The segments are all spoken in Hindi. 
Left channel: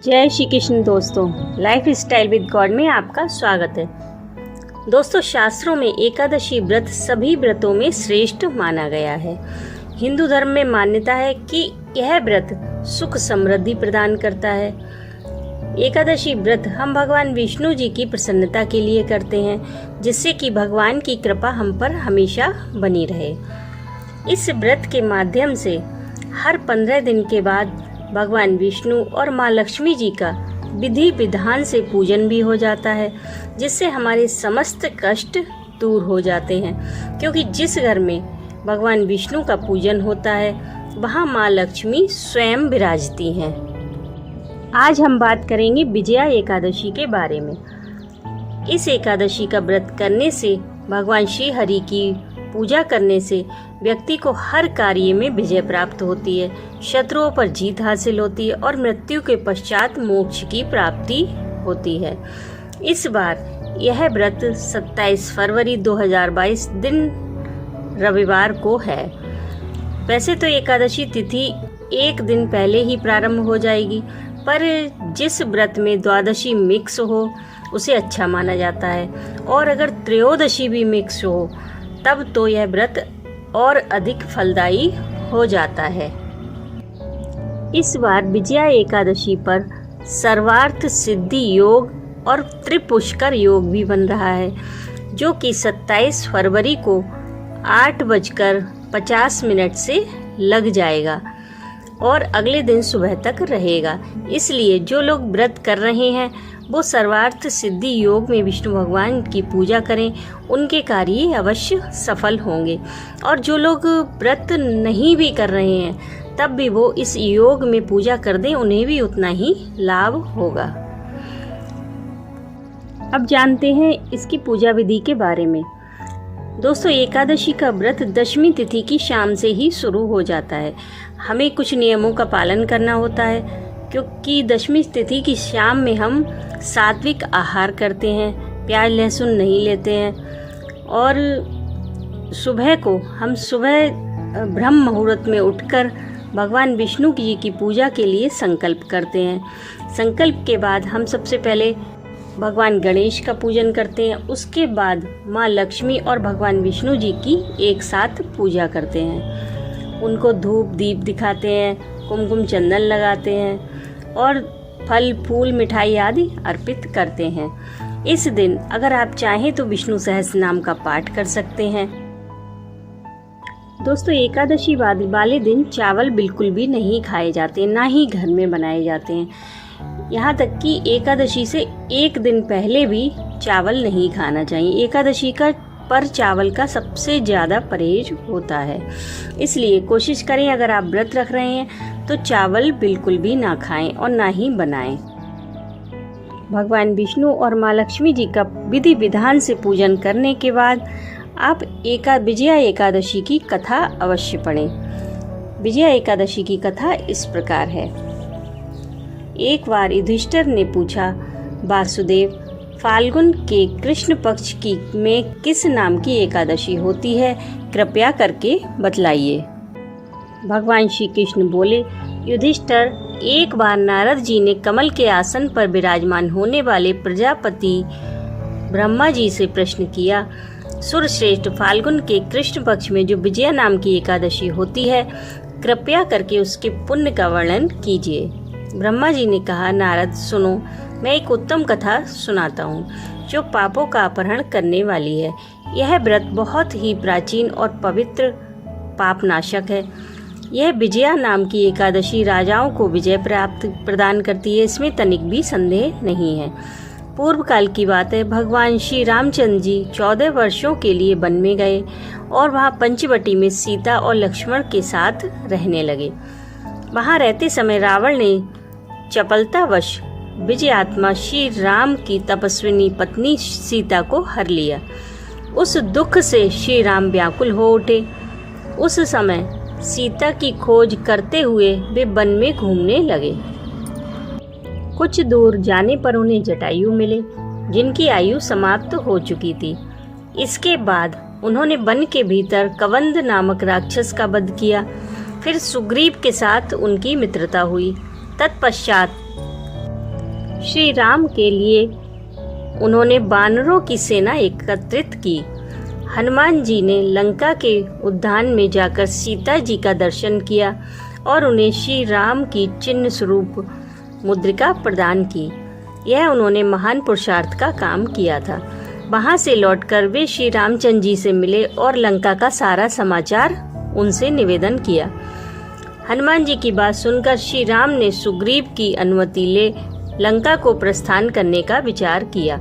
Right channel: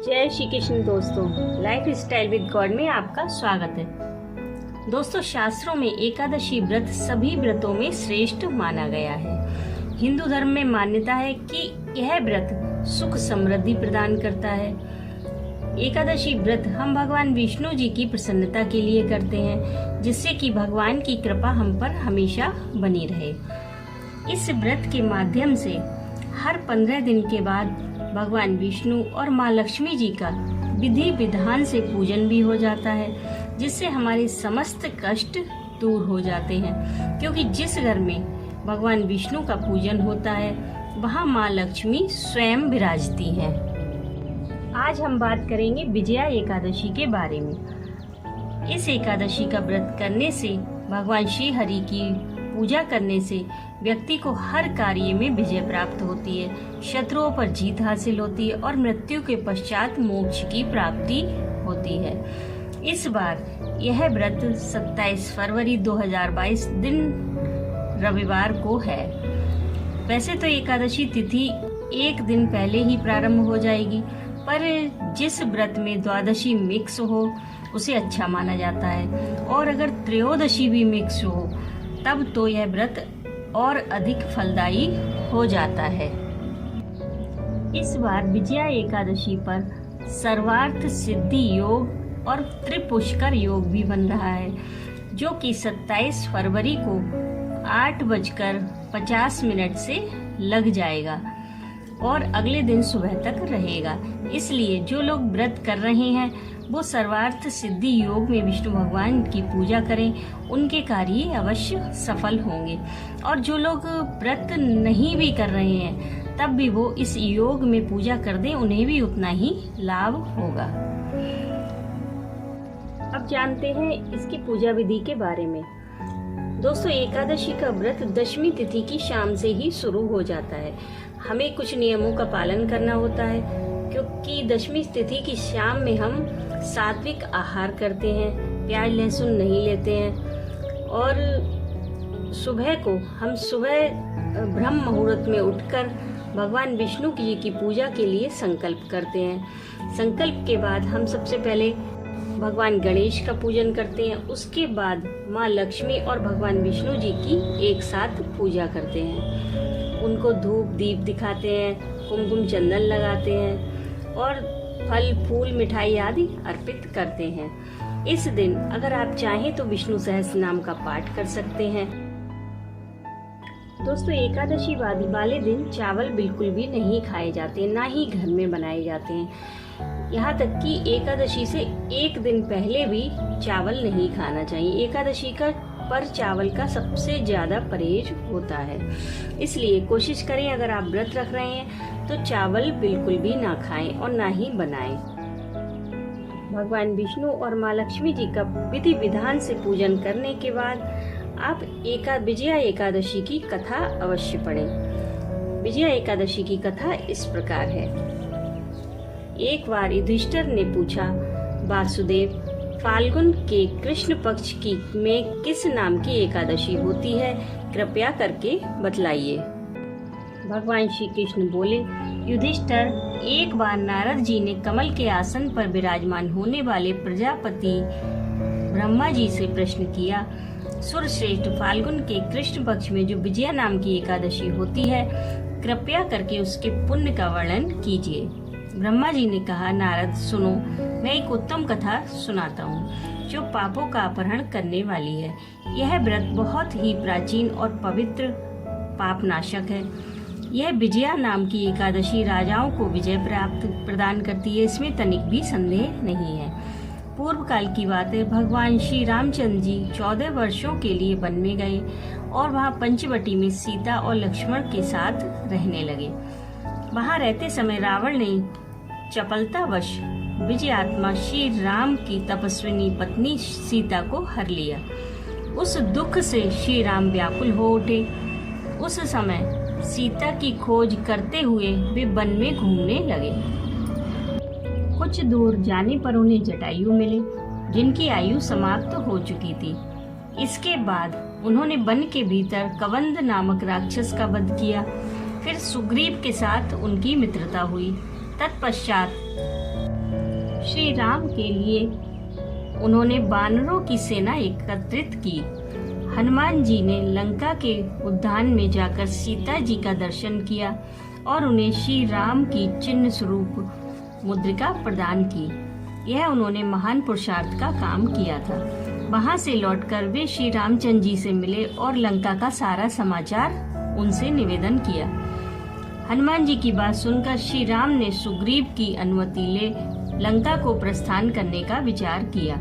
जय श्री कृष्ण दोस्तों, लाइफ स्टाइल विद गॉड में आपका स्वागत है। दोस्तों, शास्त्रों में एकादशी व्रत सभी व्रतों में श्रेष्ठ माना गया है। हिंदू धर्म में मान्यता है कि यह व्रत सुख समृद्धि प्रदान करता है। एकादशी व्रत हम भगवान विष्णु जी की प्रसन्नता के लिए करते हैं, जिससे कि भगवान की कृपा हम पर हमेशा बनी रहे। इस व्रत के माध्यम से हर 15 दिन के बाद भगवान विष्णु और माँ लक्ष्मी जी का विधि विधान से पूजन भी हो जाता है, जिससे हमारे समस्त कष्ट दूर हो जाते हैं। क्योंकि जिस घर में भगवान विष्णु का पूजन होता है, वहाँ माँ लक्ष्मी स्वयं विराजती हैं। आज हम बात करेंगे विजया एकादशी के बारे में। इस एकादशी का व्रत करने से, भगवान श्री हरि की पूजा करने से व्यक्ति को हर कार्य में विजय प्राप्त होती है, शत्रुओं पर जीत हासिल होती है और मृत्यु के पश्चात मोक्ष की प्राप्ति होती है। इस बार यह व्रत 27 फरवरी 2022 दिन रविवार को है। वैसे तो एकादशी तिथि एक दिन पहले ही प्रारंभ हो जाएगी, पर जिस व्रत में द्वादशी मिक्स हो उसे अच्छा माना जाता है, और अगर त्रयोदशी भी मिक्स हो तब तो यह व्रत और अधिक फलदायी हो जाता है। इस बार विजया एकादशी पर सर्वार्थ सिद्धि योग और त्रिपुष्कर योग भी बन रहा है, जो कि 27 फरवरी को 8:50 से लग जाएगा और अगले दिन सुबह तक रहेगा। इसलिए जो लोग व्रत कर रहे हैं वो सर्वार्थ सिद्धि योग में विष्णु भगवान की पूजा करें, उनके कार्य अवश्य सफल होंगे। और जो लोग व्रत नहीं भी कर रहे हैं तब भी वो इस योग में पूजा कर दें, उन्हें भी उतना ही लाभ होगा। अब जानते हैं इसकी पूजा विधि के बारे में। दोस्तों, एकादशी का व्रत दशमी तिथि की शाम से ही शुरू हो जाता है। हमें कुछ नियमों का पालन करना होता है, क्योंकि दशमी तिथि की शाम में हम सात्विक आहार करते हैं, प्याज लहसुन नहीं लेते हैं, और सुबह ब्रह्म मुहूर्त में उठकर भगवान विष्णु जी की पूजा के लिए संकल्प करते हैं। संकल्प के बाद हम सबसे पहले भगवान गणेश का पूजन करते हैं, उसके बाद माँ लक्ष्मी और भगवान विष्णु जी की एक साथ पूजा करते हैं। उनको धूप दीप दिखाते हैं, कुमकुम चंदन लगाते हैं और फल फूल मिठाई आदि अर्पित करते हैं। इस दिन अगर आप चाहें तो विष्णु सहस्त्र नाम का पाठ कर सकते हैं। दोस्तों, एकादशी वाले दिन चावल बिल्कुल भी नहीं खाए जाते, ना ही घर में बनाए जाते हैं। यहाँ तक कि एकादशी से एक दिन पहले भी चावल नहीं खाना चाहिए। एकादशी का पर चावल का सबसे ज़्यादा परहेज होता है। इसलिए कोशिश करें, अगर आप व्रत रख रहे हैं तो चावल बिल्कुल भी ना खाएं और ना ही बनाएं। भगवान विष्णु और माँ लक्ष्मी जी का विधि विधान से पूजन करने के बाद आप विजया एकादशी की कथा अवश्य पढ़ें। विजया एकादशी की कथा इस प्रकार है। एक बार युधिष्ठिर ने पूछा, वासुदेव, फाल्गुन के कृष्ण पक्ष की में किस नाम की एकादशी होती है, कृपया करके बतलाइए। भगवान श्री कृष्ण बोले, युधिष्ठिर, एक बार नारद जी ने कमल के आसन पर विराजमान होने वाले प्रजापति ब्रह्मा जी से प्रश्न किया, सुरश्रेष्ठ, फाल्गुन के कृष्ण पक्ष में जो विजया नाम की एकादशी होती है, कृपया करके उसके पुण्य का वर्णन कीजिए। ब्रह्मा जी ने कहा, नारद सुनो, मैं एक उत्तम कथा सुनाता हूँ जो पापों का अपहरण करने वाली है। यह व्रत बहुत ही प्राचीन और पवित्र पापनाशक है। यह विजया नाम की एकादशी राजाओं को विजय प्रदान करती है, इसमें तनिक भी संदेह नहीं है। पूर्व काल की बात है, भगवान श्री रामचंद्र जी 14 वर्षों के लिए वन में गए और वहाँ पंचवटी में सीता और लक्ष्मण के साथ रहने लगे। वहाँ रहते समय रावण ने चपलतावश विजयात्मा श्री राम की तपस्विनी पत्नी सीता को हर लिया। उस दुख से श्री राम व्याकुल हो उठे। उस समय सीता की खोज करते हुए वे वन में घूमने लगे। कुछ दूर जाने पर उन्हें जटायु मिले, जिनकी आयु समाप्त हो चुकी थी। इसके बाद उन्होंने वन के भीतर कवंद नामक राक्षस का वध किया। फिर सुग्रीव के साथ उनकी मित्रता हुई। तत्पश्चात श्री राम के लिए उन्होंने वानरों की सेना एकत्रित की। हनुमान जी ने लंका के उद्यान में जाकर सीता जी का दर्शन किया और उन्हें श्री राम की चिन्ह स्वरूप मुद्रिका प्रदान की। यह उन्होंने महान पुरुषार्थ का काम किया था। वहां से लौटकर वे श्री रामचंद्र जी से मिले और लंका का सारा समाचार उनसे निवेदन किया। हनुमान जी की बात सुनकर श्री राम ने सुग्रीव की अनुमति ले लंका को प्रस्थान करने का विचार किया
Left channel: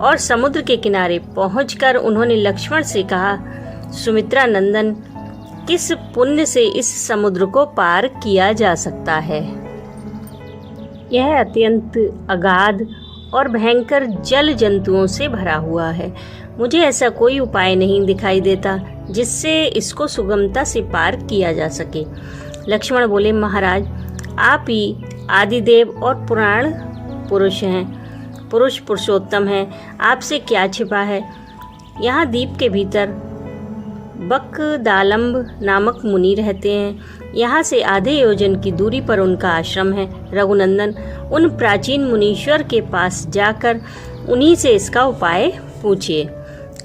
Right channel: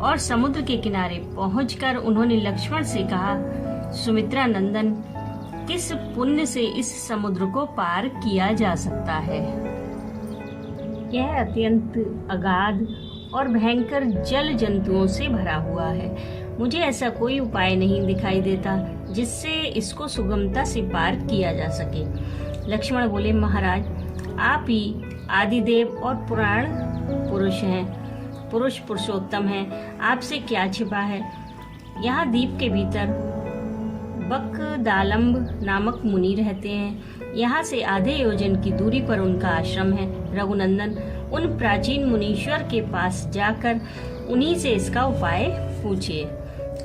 और समुद्र के किनारे पहुंचकर उन्होंने लक्ष्मण से कहा, सुमित्रा नंदन, किस पुण्य से इस समुद्र को पार किया जा सकता है? यह अत्यंत अगाध और भयंकर जल जंतुओं से भरा हुआ है। मुझे ऐसा कोई उपाय नहीं दिखाई देता जिससे इसको सुगमता से पार किया जा सके। लक्ष्मण बोले, महाराज, आप ही आदिदेव और पुराण पुरुष हैं, पुरुषोत्तम हैं, आपसे क्या छिपा है? यहाँ द्वीप के भीतर बकदालम्ब नामक मुनि रहते हैं। यहाँ से आधे योजन की दूरी पर उनका आश्रम है। रघुनंदन, उन प्राचीन मुनीश्वर के पास जाकर उन्हीं से इसका उपाय पूछिए।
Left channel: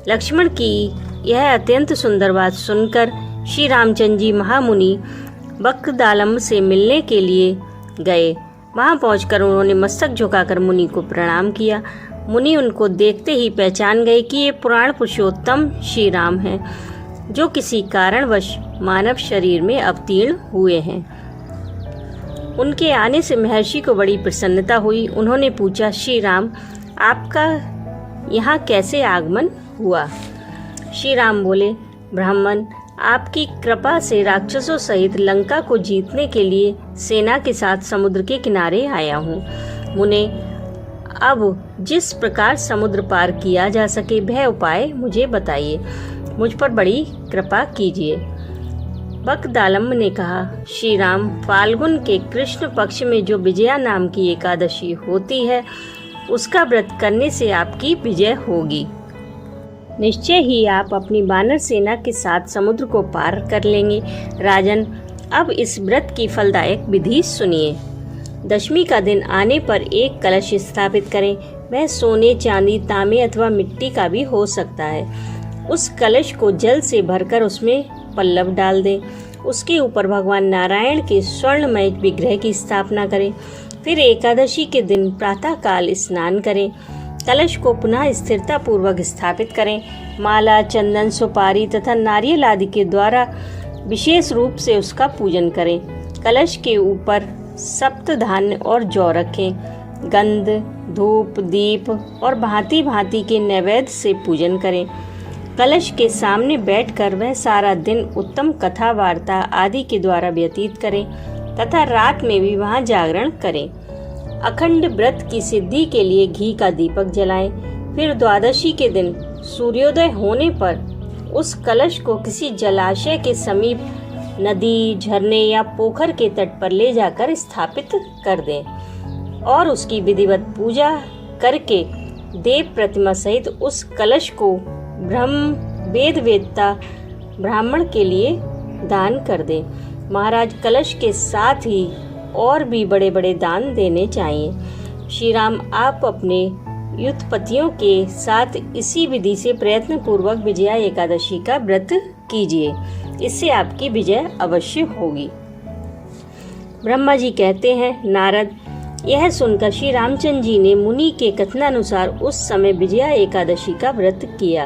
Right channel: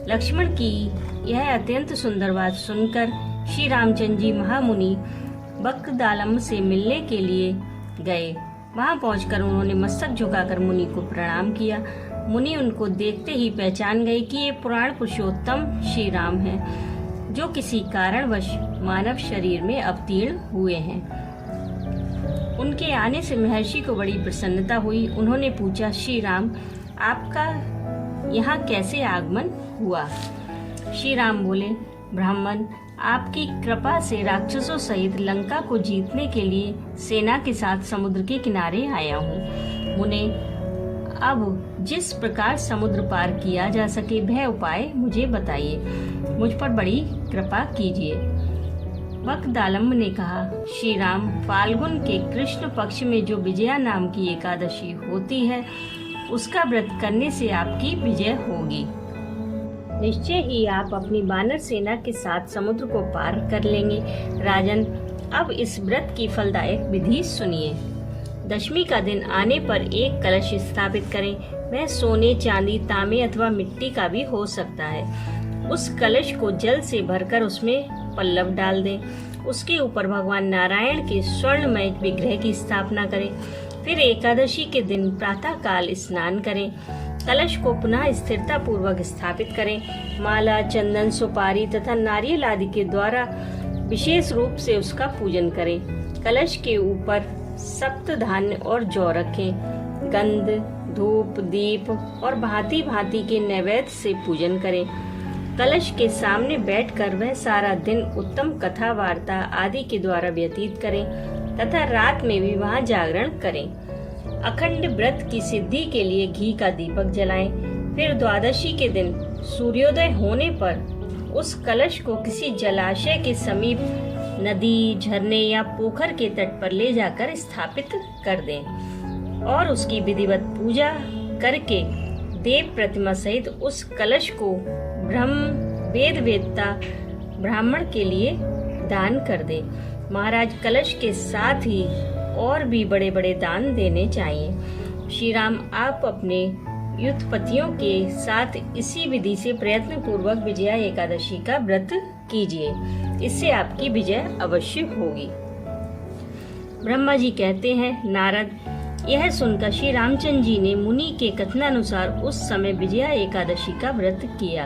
लक्ष्मण की यह अत्यंत सुंदर बात सुनकर श्री रामचंद्र जी महामुनि बकदालम्ब से मिलने के लिए गए। वहां पहुंचकर उन्होंने मस्तक झुकाकर मुनि को प्रणाम किया। मुनि उनको देखते ही पहचान गए कि ये पुराण पुरुषोत्तम श्री राम हैं, जो किसी कारणवश मानव शरीर में अवतीर्ण हुए हैं। उनके आने से महर्षि को बड़ी प्रसन्नता हुई। उन्होंने पूछा, श्री राम, आपका यहाँ कैसे आगमन हुआ? श्री राम बोले, ब्राह्मण, आपकी कृपा से राक्षसों सहित लंका को जीतने के लिए सेना के साथ समुद्र के किनारे आया हूँ। मुने, अब जिस प्रकार समुद्र पार किया जा सके वह उपाय मुझे बताइए। मुझ पर बड़ी कृपा कीजिए। बकदालम्ब ने कहा, श्री राम, फाल्गुन के कृष्ण पक्ष में जो विजया नाम की एकादशी होती है, उसका व्रत करने से आपकी विजय होगी। निश्चय ही आप अपनी वानर सेना के साथ समुद्र को पार कर लेंगे। राजन, अब इस व्रत की फलदायक विधि सुनिए। दशमी का दिन आने पर एक कलश स्थापित करें। वह सोने, चांदी, तांबे अथवा मिट्टी का भी हो सकता है। उस कलश को जल से भरकर उसमें पल्लव डाल दें। उसके ऊपर भगवान नारायण के स्वर्णमय विग्रह की स्थापना करें। फिर एकादशी के दिन प्रातः काल स्नान करें। कलश को पुनः स्थिरता पूर्वक स्थापित करें। माला, चंदन, सुपारी तथा नारियल आदि के द्वारा विशेष रूप से उसका पूजन करें। कलश के ऊपर सप्त धान्य और जौ रखें। गंध, धूप, दीप और भांति भांति के नैवेद्य से पूजन करें। कलश के सामने बैठकर वह सारा दिन उत्तम कथा वार्ता आदि के द्वारा व्यतीत करें तथा रात में भी वहां जागरण करें। अखंड व्रत की सिद्धि के लिए घी का दीपक जलाएं। फिर द्वादशी के दिन सूर्योदय होने पर उस कलश को किसी जलाशय के समीप, नदी, झरने या पोखर के तट पर ले जाकर स्थापित कर दें और उसकी विधिवत पूजा करके देव प्रतिमा सहित उस कलश को ब्रह्म वेद वेदता ब्राह्मण के लिए दान कर दे। महाराज, कलश के साथ ही और भी बड़े बड़े दान देने चाहिए। श्री राम, आप अपने युद्धपतियों के साथ इसी विधि से प्रयत्न पूर्वक विजया एकादशी का व्रत कीजिए। इससे आपकी विजय अवश्य होगी। ब्रह्मा जी कहते हैं, नारद, यह सुनकर श्री रामचंद्र जी ने मुनि के कथनानुसार उस समय विजया एकादशी का व्रत किया।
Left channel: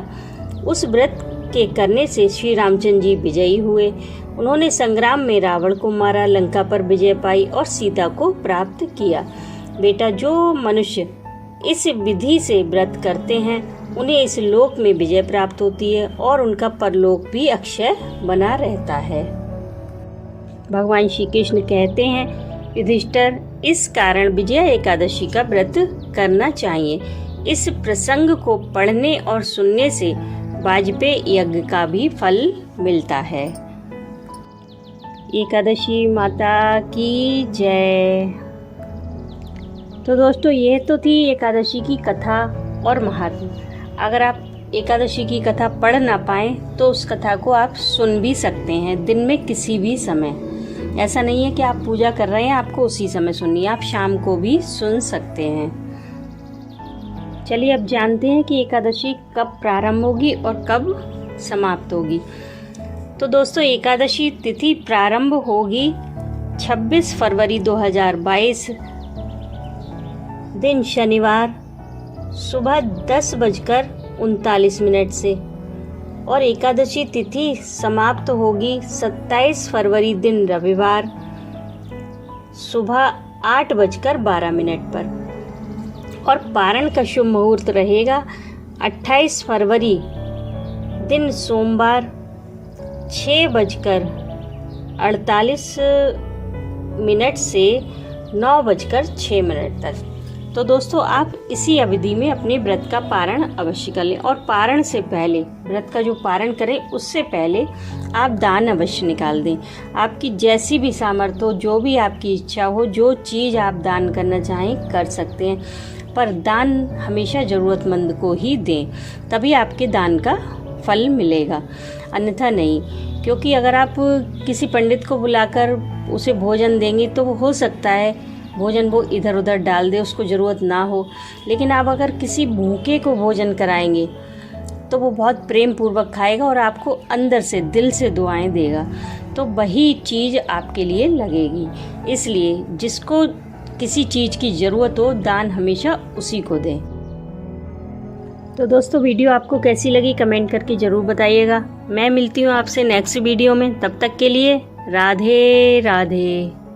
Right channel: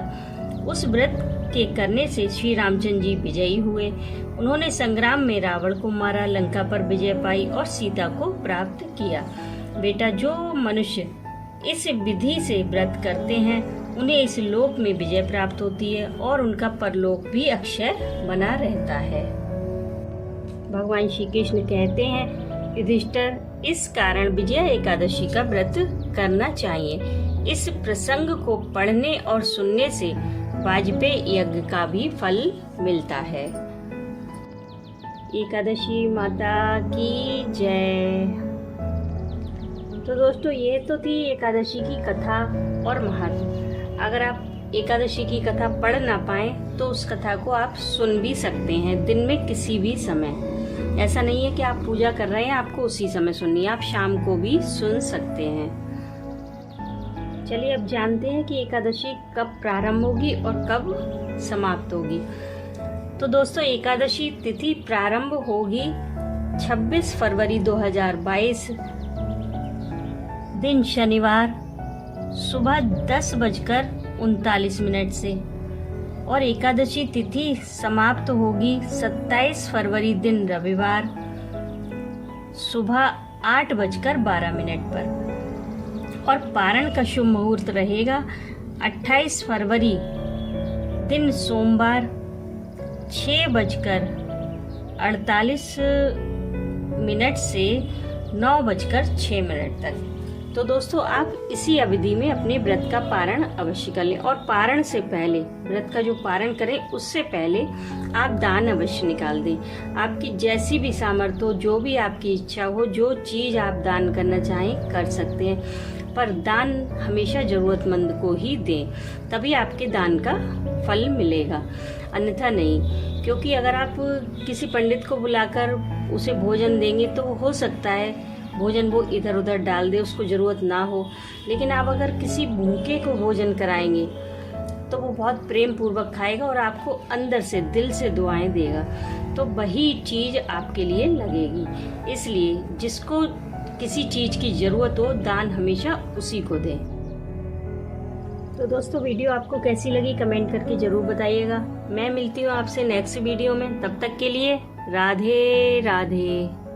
उस व्रत के करने से श्री रामचंद्र जी विजयी हुए। उन्होंने संग्राम में रावण को मारा, लंका पर विजय पाई और सीता को प्राप्त किया। बेटा, जो मनुष्य इस विधि से व्रत करते हैं उन्हें इस लोक में विजय प्राप्त होती है और उनका परलोक भी अक्षय बना रहता है। भगवान श्री कृष्ण कहते हैं, युधिष्ठिर, इस कारण विजया एकादशी का व्रत करना चाहिए। इस प्रसंग को पढ़ने और सुनने से वाजपेयी यज्ञ का भी फल मिलता है। एकादशी माता की जय। तो दोस्तों, ये तो थी एकादशी की कथा और महत्व। अगर आप एकादशी की कथा पढ़ ना पाएं तो उस कथा को आप सुन भी सकते हैं दिन में किसी भी समय। ऐसा नहीं है कि आप पूजा कर रहे हैं आपको उसी समय सुननी है, आप शाम को भी सुन सकते हैं। चलिए अब जानते हैं कि एकादशी कब प्रारंभ होगी और कब समाप्त होगी। तो दोस्तों एकादशी तिथि प्रारंभ होगी 26 फरवरी 2022 दिन शनिवार सुबह 10:39 से और एकादशी तिथि समाप्त होगी 27 फरवरी दिन रविवार सुबह 8:12 पर। और पारण का शुभ मुहूर्त रहेगा 28 फरवरी दिन सोमवार 6:48 से 9:06 तक। तो दोस्तों आप इसी अवधि में अपने व्रत का पारण अवश्य कर लें। और पारण से पहले, व्रत का जो पारण करें उससे पहले आप दान अवश्य निकाल दें। आपकी जैसी भी सामर्थ्य हो, जो भी आपकी इच्छा हो, जो चीज़ आप दान करना चाहें कर सकते हैं, पर दान हमेशा ज़रूरतमंद को ही दें, तभी आपके दान का फल मिलेगा, अन्यथा नहीं। क्योंकि अगर आप किसी पंडित को बुलाकर उसे भोजन देंगे तो वो हो सकता है भोजन वो इधर उधर डाल दे, उसको ज़रूरत ना हो। लेकिन आप अगर किसी भूखे को भोजन कराएंगे तो वो बहुत प्रेम पूर्वक खाएगा और आपको अंदर से दिल से दुआएं देगा, तो वही चीज़ आपके लिए लगेगी। इसलिए जिसको किसी चीज़ की ज़रूरत हो, दान हमेशा उसी को दें। तो दोस्तों वीडियो आपको कैसी लगी कमेंट करके ज़रूर बताइएगा। मैं मिलती हूँ आपसे नेक्स्ट वीडियो में, तब तक के लिए राधे राधे।